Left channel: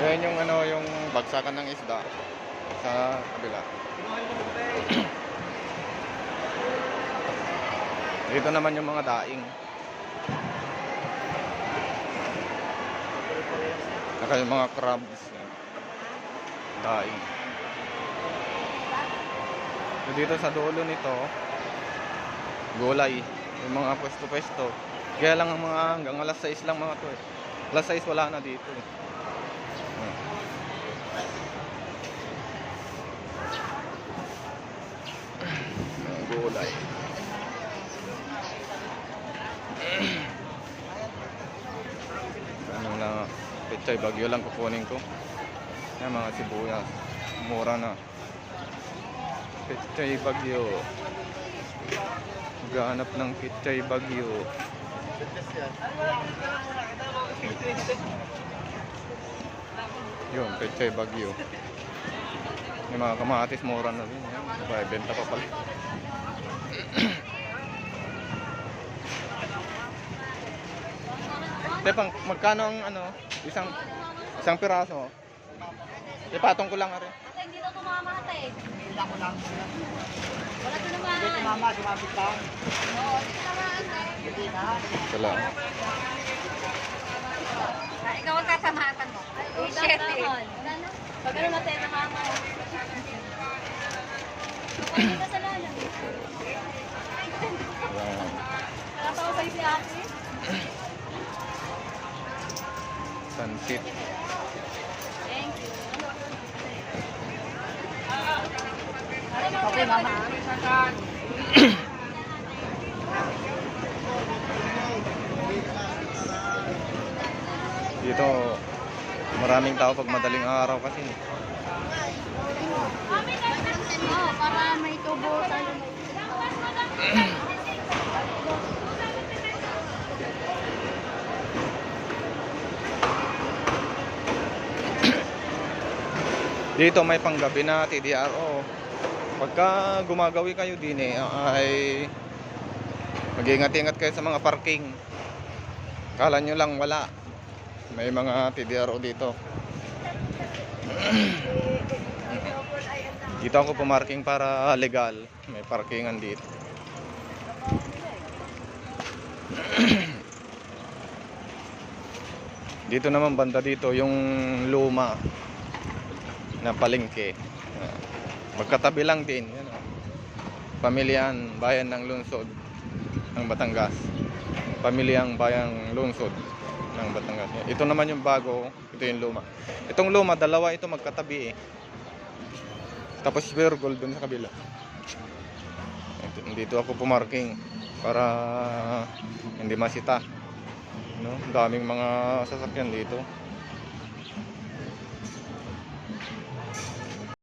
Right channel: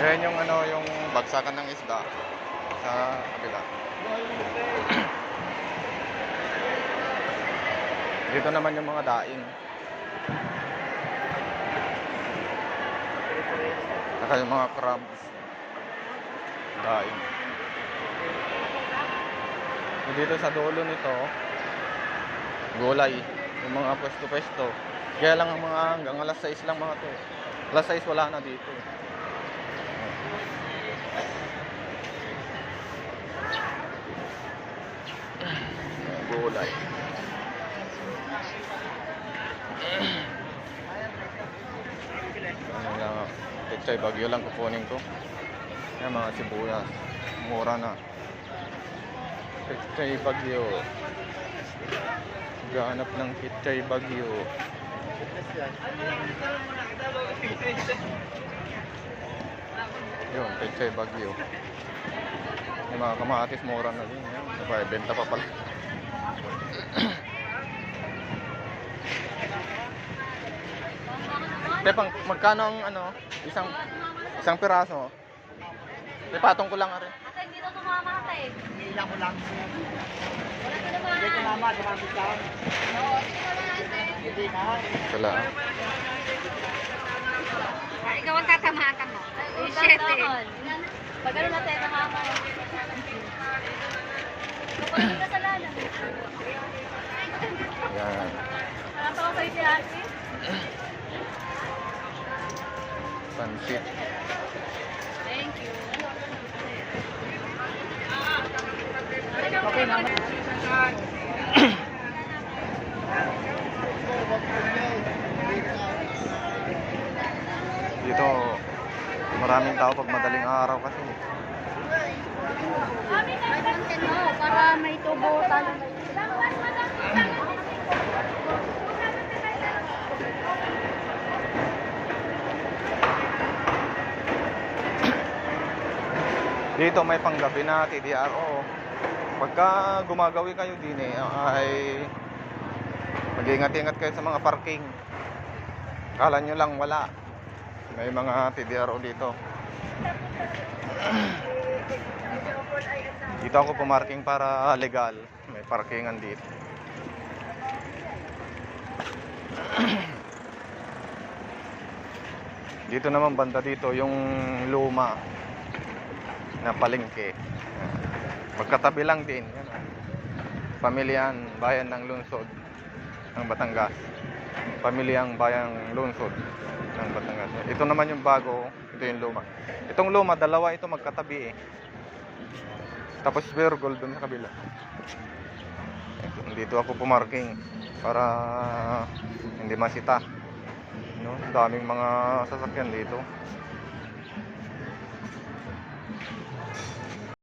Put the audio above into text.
Yan yung ano, yung bagsakan ng isda sa kabila. Dito naman yung mga daing. Saka yung mga crabs. Daing. Dito sa dulo nito, gulay. Yung mga pwesto-pwesto. Kaya lang mga hanggang alas 6 lang mga to. Alas 6 wala na dito. Gulay. Ano lang, pechay bagyo lang kukunin ko. Yan mga sibuyas. Mura na. Pechay bagyo. Gahanap ng pechay bagyo. Yun, pechay bagyo. Yung mga kamatis mura na din. Benta pa pala. Tepang, magkano ang ano? Isang piraso? Ipatong ko lang rin. Ate, hindi na tumamatay. Hila ko lang. Wala Hindi tumamaan. tumama, dumapit lang. Oo, sige naman ate. Hindi na. Wala. Ikaw ang tatamatan mo. Ay, kung dandahan. Pag ano na tayo nakama. Kapag hindi ka sa lalan. Yan. Nakatawa sa'yo si ate. Pansit. Thank you. Okay, mama. Dito, maraming tao pag madaling araw kasi. Oo, para may tubo tayo may... Dito may panggabi na TDRO. Pagka gumagawi kayo din ay mag-ingat-ingat kayo sa mga parking. Kala nyo lang wala. May mga TDRO dito. Dito ako pumarking para legal. May parkingan dito. Dito naman banda dito yung luma na palengke. Magkatabi lang din. Pamilyang Bayan ng Lungsod ng Batangas. Pamilyang Bayang Lungsod ng Batangas. Ito naman yung bago, ito yung luma. Itong luma, dalawa ito magkatabi eh. Tapos Pure Gold dun sa kabila. Dito ako pumarking para hindi masita. No? Daming mga sasakyan dito.